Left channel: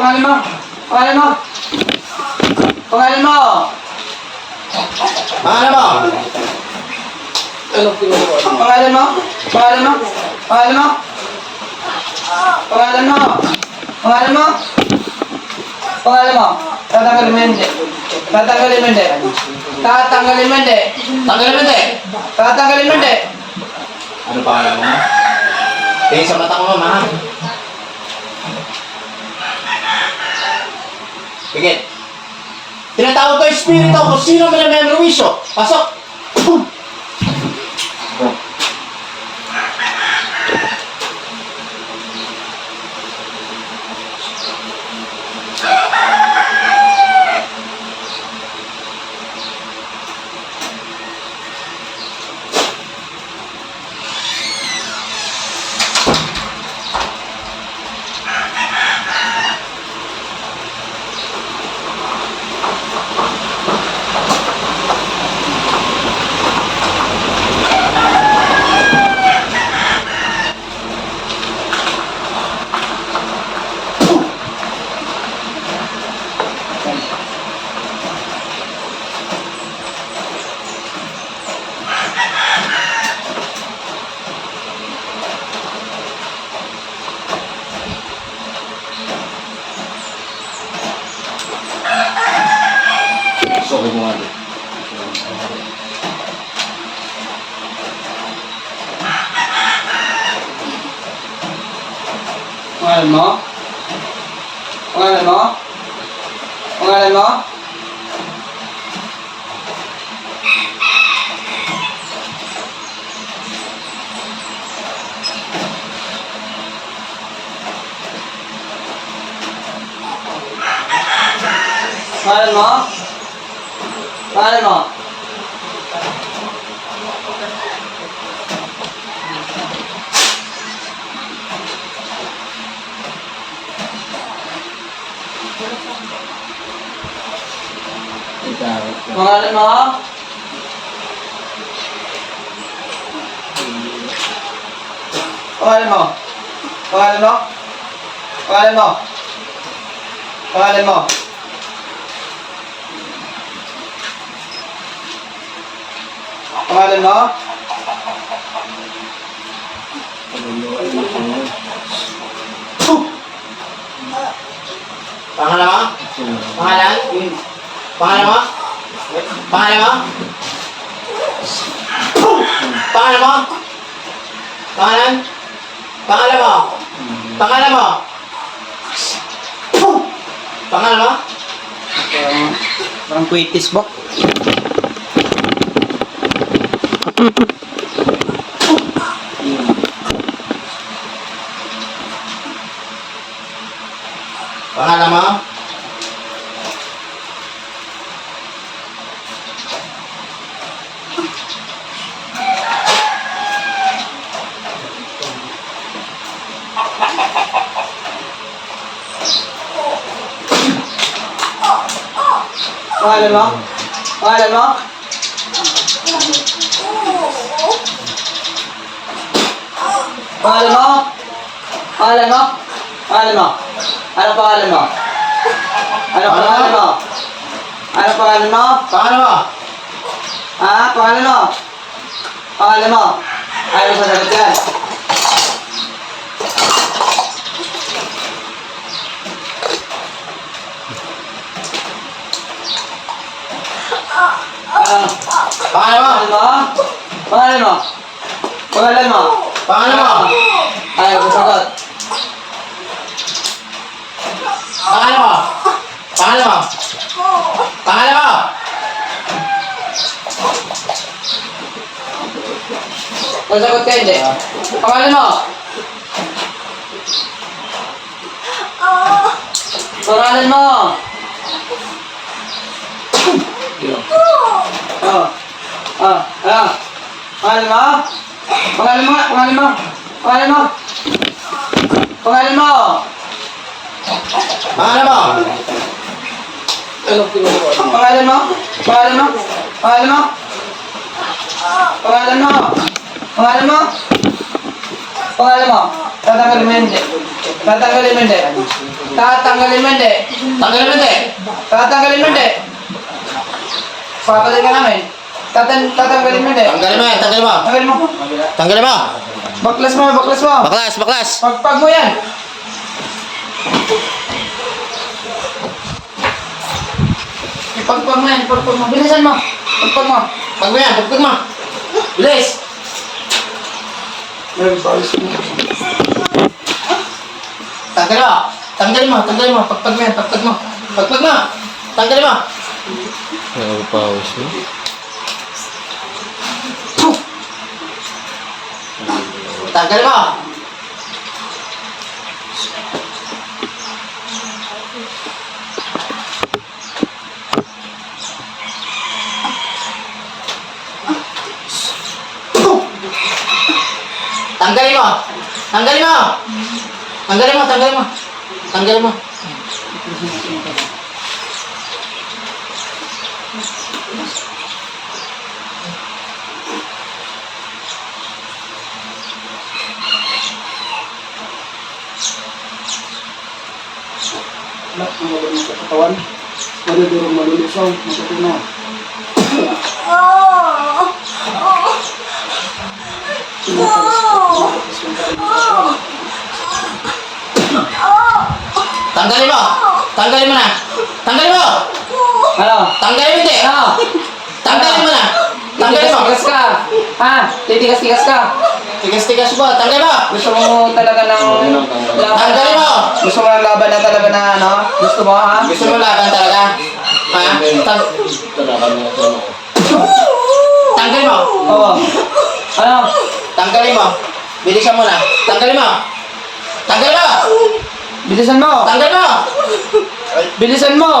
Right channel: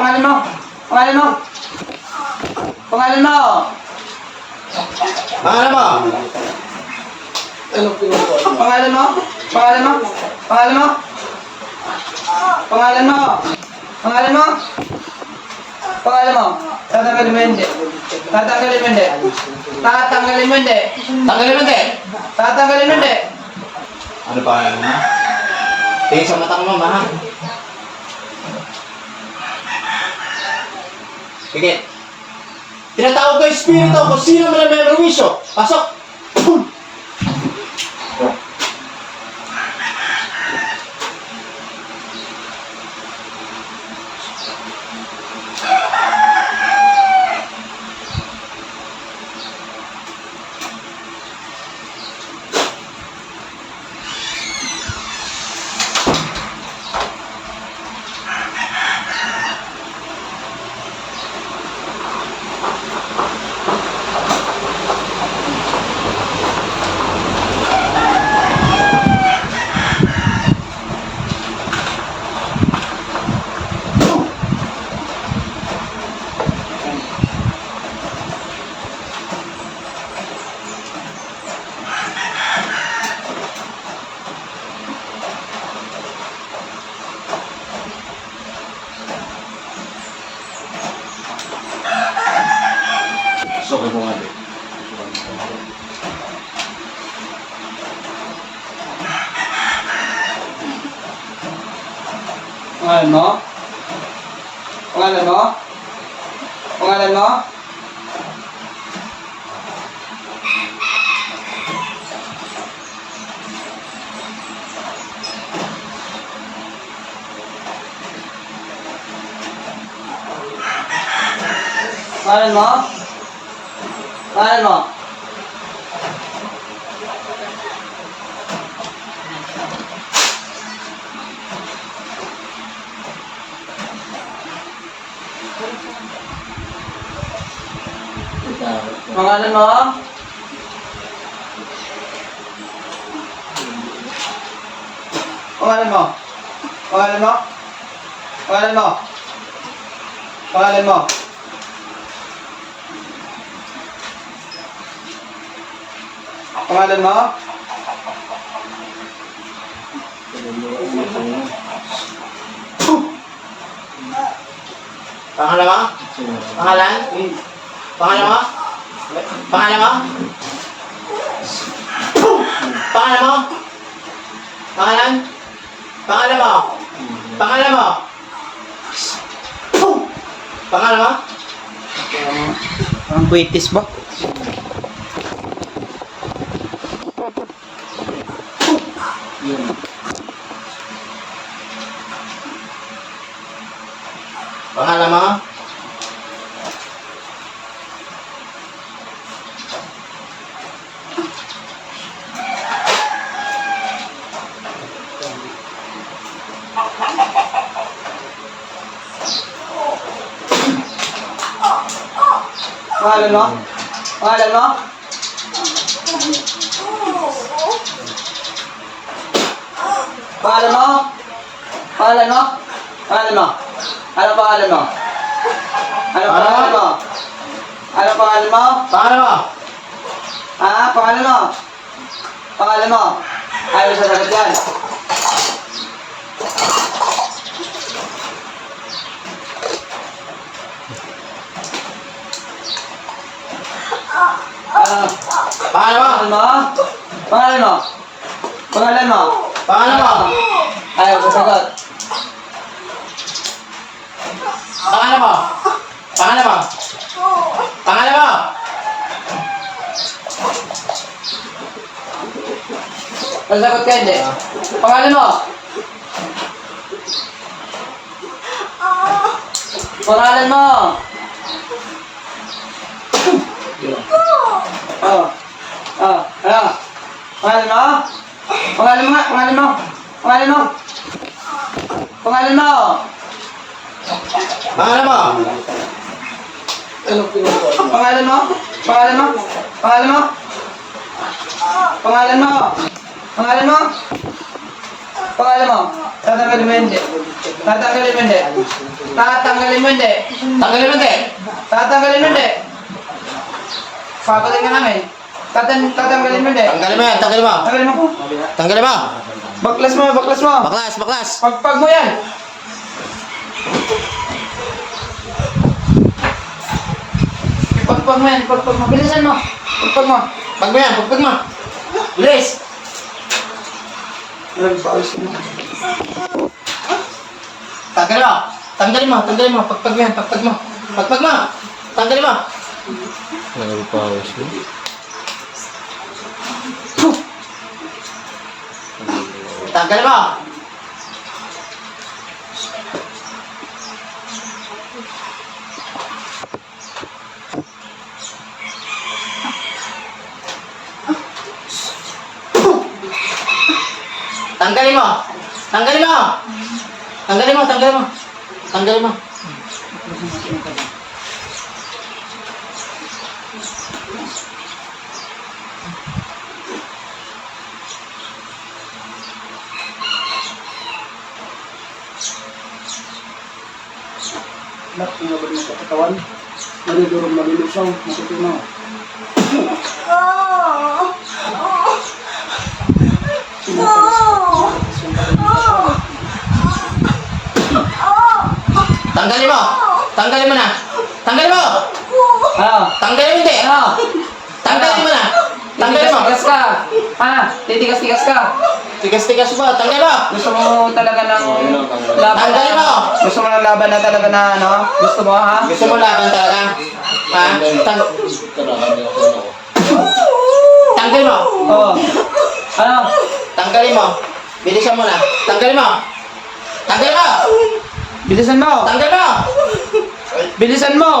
pangalan mo? Pangalan mo? Pangalan mo? Pangalan mo? Pangalan mo? Pangalan mo? Pangalan mo? Pangalan mo? Pangalan mo? Pangalan mo? Tatanggalin mo hindi. Tatanggalin mo hindi. Tatanggalin mo hindi. Tanggalin mo. Tatanggalin mo hindi. Ano pangalan mo? Tingin sa mata mo, mama. Sige. Tinatawag ko yung espiritu kung sino man ang may merwisyo. Pasok! So, mo nga doon. Pangalan mo? Pangalan mo? Pangalan mo? Pangalan mo? Pangalan mo? Pangalan mo? Pangalan mo? Pangalan mo? Pangalan mo? Pangalan mo? Pangalan mo? Pangalan mo? Pangalan? Pangalan mo? Pangalan mo? Pangalan mo? Pangalan? Pangalan mo? Pangalan mo? Pangalan mo? Parang, British mo. Pangalan mo? Pangalan mo? Pangalan mo? Pangalan mo? Pangalan mo? Pangalan mo? Ano pangalan mo? Ano pangalan mo? Ano pangalan mo? Pangalan mo? Ha? Pangalan mo? Pangalan mo? Ayaw sa sagot yan. Ah, Pangalan mo? pangalan mo? Pangalan mo? Pangalan mo? Pangalan mo? Ayaw sa sagot. Pangalan mo? Pangalan mo? Pangalan mo? Sasagot ka hindi. Pangalan mo? Pangalan mo? Oh. Oh. Ano? Pangalan mo? Pangalan mo nga. Pangalan mo? Pangalan mo? Pangalan mo? Pangalan mo? Pangalan mo? Pangalan mo? Pangalan mo? Pangalan mo? Pangalan mo? Pangalan mo? Tatanggalin mo hindi. Tatanggalin mo hindi. Tatanggalin mo hindi. Tanggalin mo hindi. Tatanggalin mo hindi. Papatay ka namin. Tatan tatanggalin mo hindi. Tanggalin mo yan, tanggalin mo. Tanggalin mo. Tanggalin mo. Baklas mo, baklas mo. Baklas, baklas. Pagpag mo yan. Ipagpag mo yan, ipagpag mo. Bilisan mo. Ipagpag mo. Pag mo yan, pagpag mo. Bilis. Tanggalin mo. Tanggalin mo, tanggalin mo. Pagpag mo yan, pagpag mo. Pagpag mo. Tanggalin mo. Nagpapawis mo. Tanggalin mo. Tanggalin mo. Tanggalin mo. Tanggalin mo, tanggalin mo. Tanggalin mo. Anak, ang labad mo sa katawan. Madudurong malulusaw. Matutunaw. Tanggalin mo. Tanggalin mo na. Tanggalin mo. Ano? Tanggalin mo hindi. Ano? Tanggalin mo na. Tanggalin mo. Titigas ka. Ha? Titigas-tigas ka. Tigas-tigas mo. Tanggalin mo. Gusto mo talaga ng laban Tanggalin mo. Gusto mo ng laban na talaga na ano? Gusto mo ha? Gusto mo laban talaga? Ha? Tang Tanggalin mo. Oo. Ano? Tanggalin mo. Bilisan mo na. Tanggalin mo. Tanggalin mo. Bilisan mo. Tanggalin mo. Bilisan mo.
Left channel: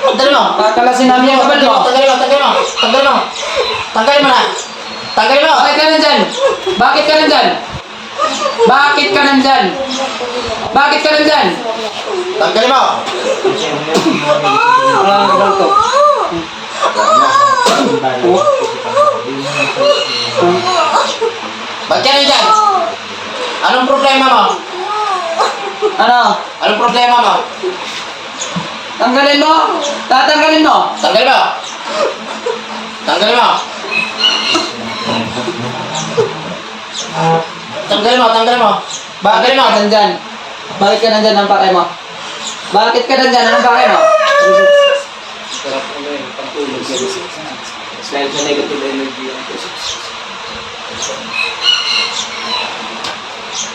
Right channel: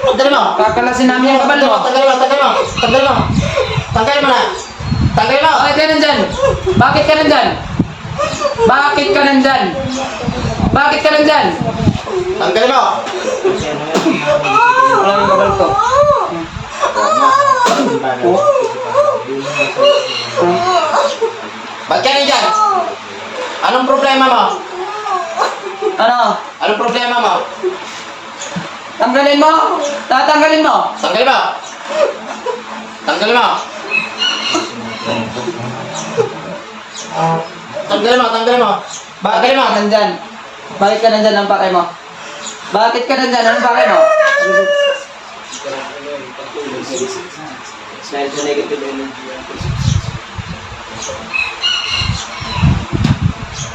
Tanggalin mo. Kakalasin namin yung kabal mo. Tanggalin mo. Tanggalin mo. Tanggalin mo. Tanggalin mo na. Tanggalin mo. Bakit ka nandyan? Bakit ka nandyan? Bakit ka nandyan? Bakit ka nandyan? Tanggalin mo. Wala nang kabal to. Ba't ka nandyan? Anong problema mo? Ano? Anong problema mo? Tanggalin mo? Tatanggalin mo? Tanggalin mo. Tanggalin mo. Tanggalin mo. Tanggalin mo. Bakit Tanggalin mo. ka nandyan? Bakit ka nandyan ang pakay mo? Bakit ka nandyan? Anong pakay mo?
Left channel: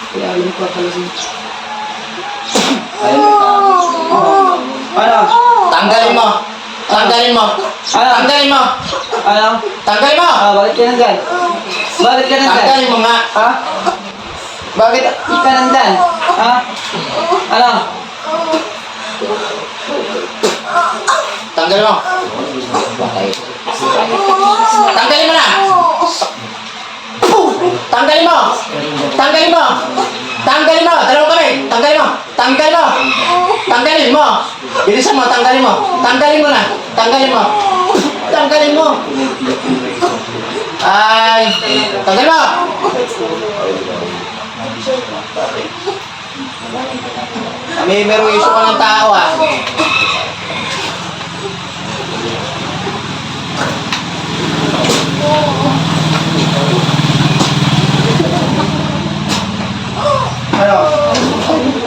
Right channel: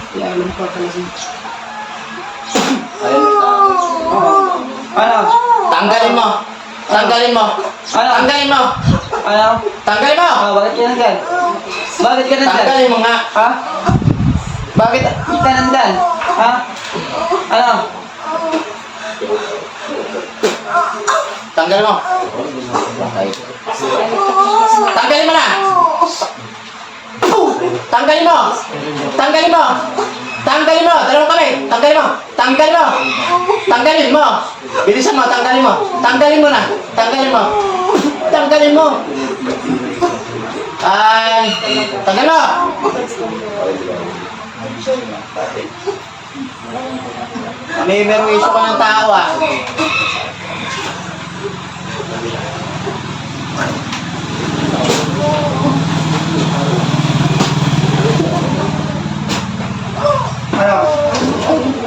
Kaya alam ko talaga. Oo. Ano? Tanggalin mo. Tanggalin mo. Ano? Tanggalin mo. Ano? Tanggalin mo. Ah, bakit ka nandyan? Bakit ka nandyan? Tanggalin mo nga. Ha? Bakit ka nandyan? Ha? Ano? Tanggalin mo. Tanggalin mo na. Tanggalin mo. Tanggalin mo. Tanggalin mo. Dalawang kamay. Tanggalin mo. Tanggalin mo. Tanggalin mo. Bilisan mo. Tanggalin mo. Tanggalin mo na. Tanggalin mo. Tanggalin mo. Ay. Tanggalin mo. May merong issue ka ng tao ah. Ano?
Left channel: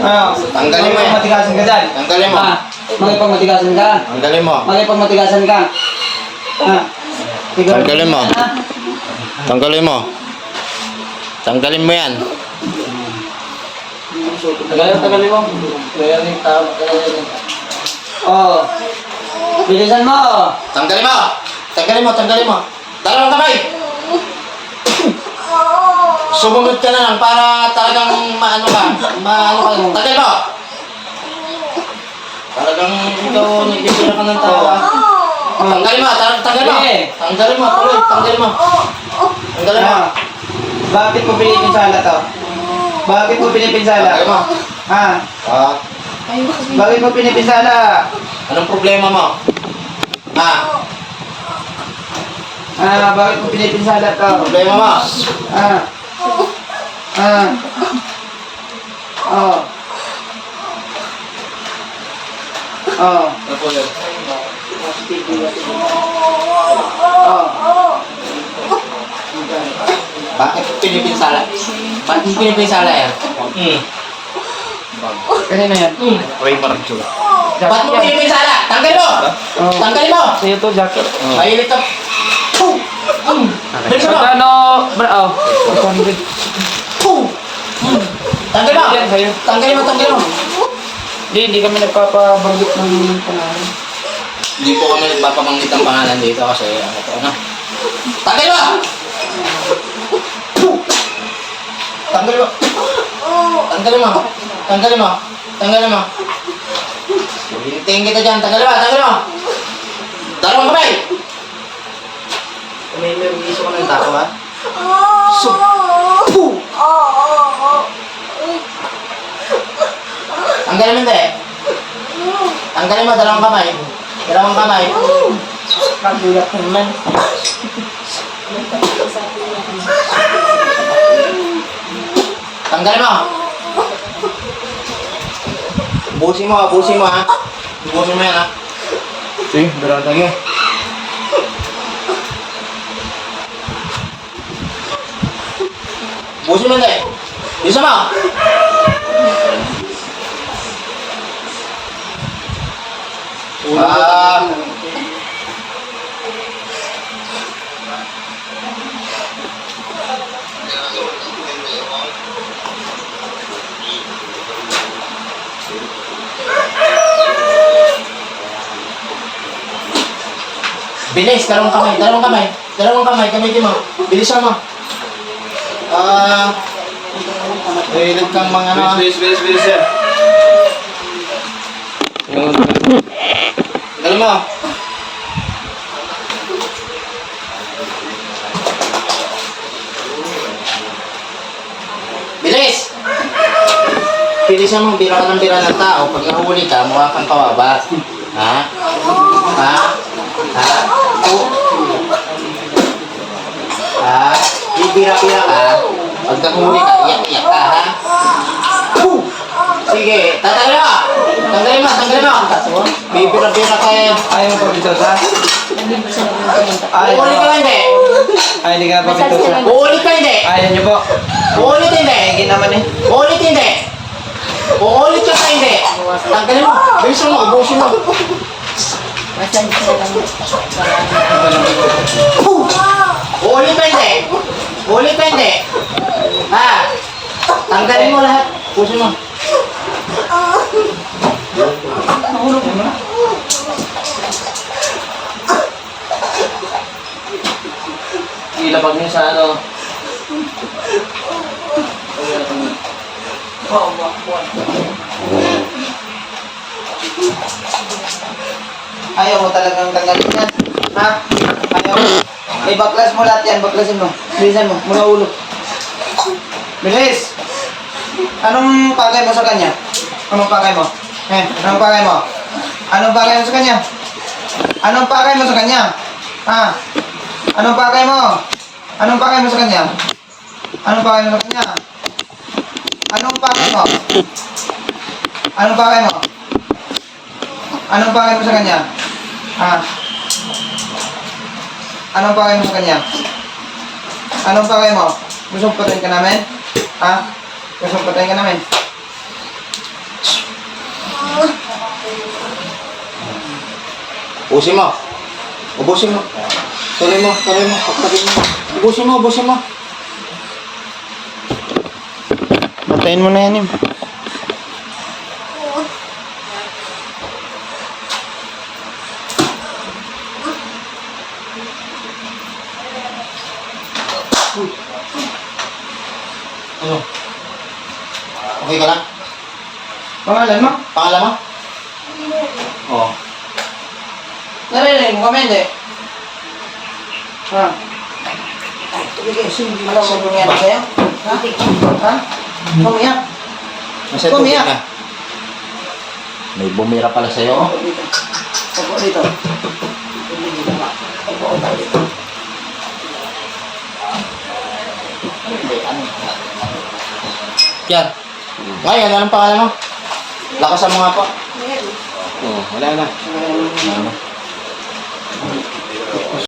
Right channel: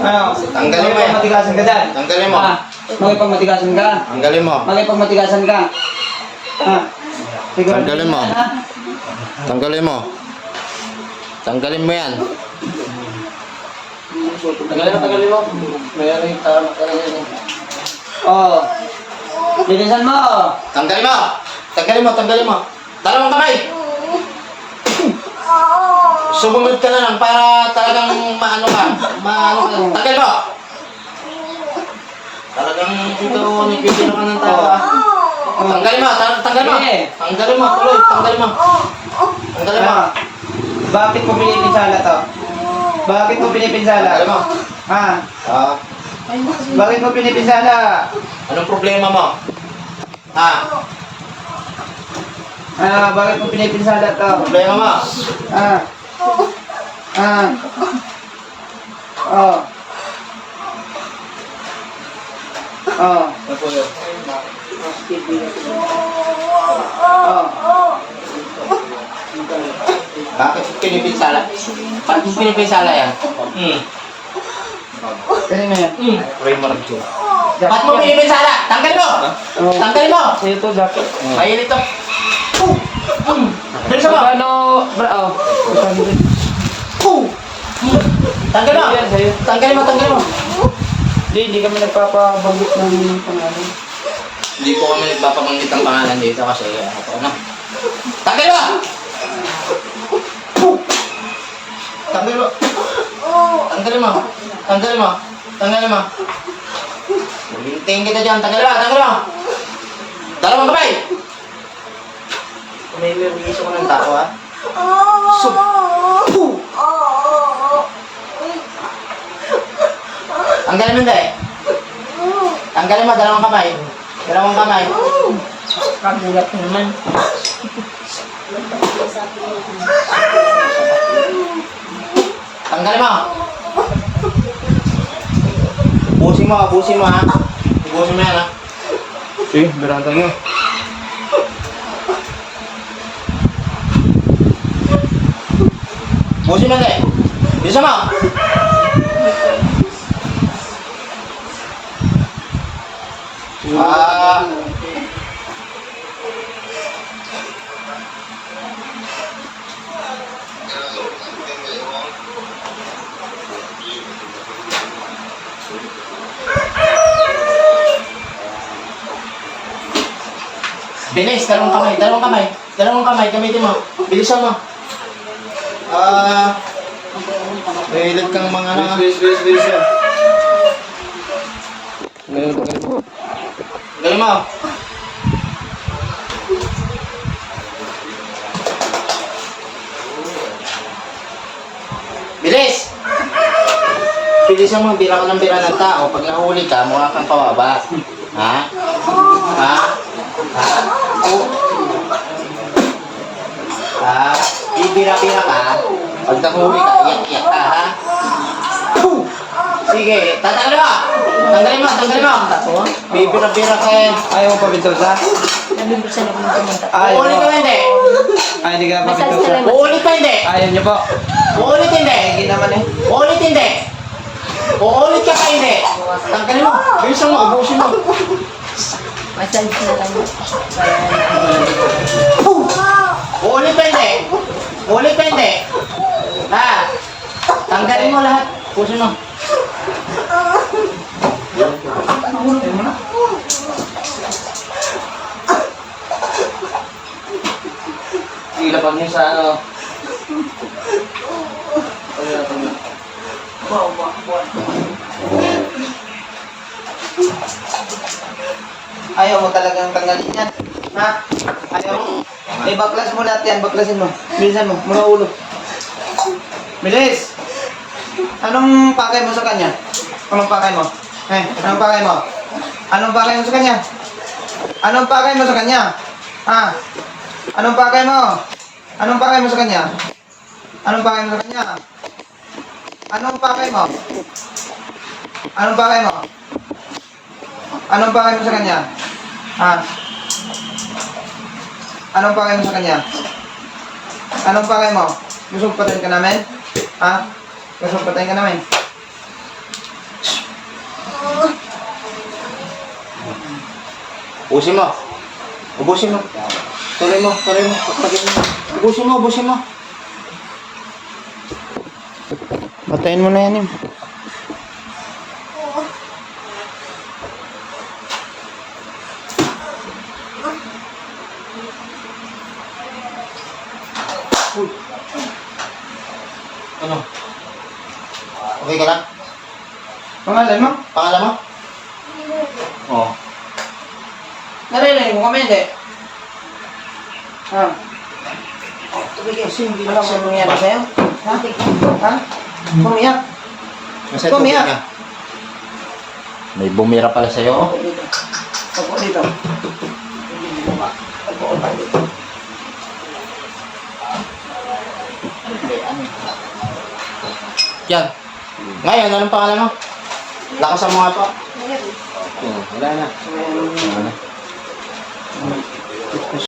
Ano? Tanggalin mo yan. Makipagmatigasan ka dyan. Tanggalin mo. Ha? Makipagmatigasan ka. Tanggalin mo. Makipagmatigasan ka. Ha? Siguro- Tanggalin mo. Ha? Tanggalin mo. Tanggalin mo yan. Tagalin mo, tagalin mo. Oo. Bilisan mo. Tanggalin mo! Tanggalin mo, tanggalin mo. Dalawang kamay! Sumunod ka na lang para talagang maano ka. Maano ka. Tanggalin mo! Talagang ikaw nagpipila ka ng tao ah. Tanggalin mo, ta- tanggalin mo. Sige. Tanggalin mo, tuloy, tanggalin mo. Tanggalin mo. Ano? Bakit mo pinipinsala to? Bakit mo pinipinsala? Tanggalin mo. Ha? Ah, Bakit mo pinipinsala? anong problema mo? Ah, Ah, bakit mo pinipinsala to? problema mo? Ah, Ah. Oh. Oh. Oh. Bakit pinipinsala? Bakit pinipinsala yan? Hmm. Kanina yan. Ray Marjo. Bakit mo pinipinsala? Tanggalin mo! Oh. Tanggalin mo! Ito, jacket. Mainit to. Puh! Mm. Bilisan mo! Magkano? Oh. Puh! Mm. Tanggalin mo! Tanggalin mo, tanggalin mo! Hindi, hindi kami nagpapabanggit ng pangalan. Hindi po kami nagpapabanggit ng pangalan dito kasi ano to, ano? Tanggalin mo! Puh! Tanggalin mo! Tanggalin mo! Tanggalin mo! Tanggalin mo! Hintayin kita dyan. Tanggalin mo! Tanggalin mo! Dalawang kamay! May gusto ko ng tao ha? So, puh! Tanggalin mo hindi. Tanggalin mo, dalawang kamay. Dalawang kamay. Kagulat naman. Tanggalin mo. Ubusin mo, ubusin mo ha. Ubusin mo yan ha. Sige, berata nyo. Ubusin mo hindi. Bisa mo. Ah. Bilis, dalawang kamay, dalawang kamay, dalawang kamay, gamitin mo. Bilisan mo. Ah, Mahilig kang mga ano. Bilis, bilis, bilis yan. Tagalin mo. Bilis! Mo, bira ka ng bira ng tao. Pag nahuli ka, mukha kang kawawa. Ha? Ha? Ha? O. Ha? Bibira-bira ka. Pag nahuli ka, iyak-iyak ka, ha? Sige, tatanggalin mo! Tanggalin mo, tanggalin mo! Bibira-bira ka eh. Ayaw mo pabintosa? Ayaw Uulit ka hindi? Ay, hindi ka na pabintosa. Uulit ka hindi? Ayaw niyo po. Uulit hindi? Hindi naman eh. Uulit hindi? Uulit ka pa hindi? Tanggalin mo. Bilisan mo, ubusin mo. Massage na lang. Uulit ka hindi? Uulit ka hindi? Ha? Tanggalin mo lahat. Ubusin mo. Ilapag niyo sa ano. Ayaw mo talagang tanggalin yan. Ha? Ayaw mo. Eh, baklas mo lahat yan. Baklasin mo. Bilisan mo. Mga ulo. Bilis! Anong pakay mo sa kanya? Anong pakay mo? Eh, anong pakay mo? Anong pakay mo sa kanya? Anong pakay mo sa kanya? Ha? Anong pakay mo? Anong pakay mo sa kanya? Anong pakay mo sa kanya? Anong pakay mo? Anong pakay mo? Anong pakay mo sa kanya? Ha? Anong pakay mo sa kanya? Anong pakay mo? Gusto patayin ka namin? Ha? Gusto patayin ka namin? Ubusin mo. Ubusin mo. Tuloy mo, tuloy mo. Pagpagin mo. Ubusin mo, ubusin mo. Patayin mo na yan, Im. Ano? Okay ka lang? Pangalan mo? Pangalan mo? Oo. Mo kami, hindi? Ha? Mo lang mo nangyari sa'yo? Ha? Ha? Tumiyak. tubig ka. May bumira pala sa'yo. oh. Ako dito. Dito. yan. Ngayon, anong pangalan mo? Lakasan mo nga po. Oh, wala na. Ano?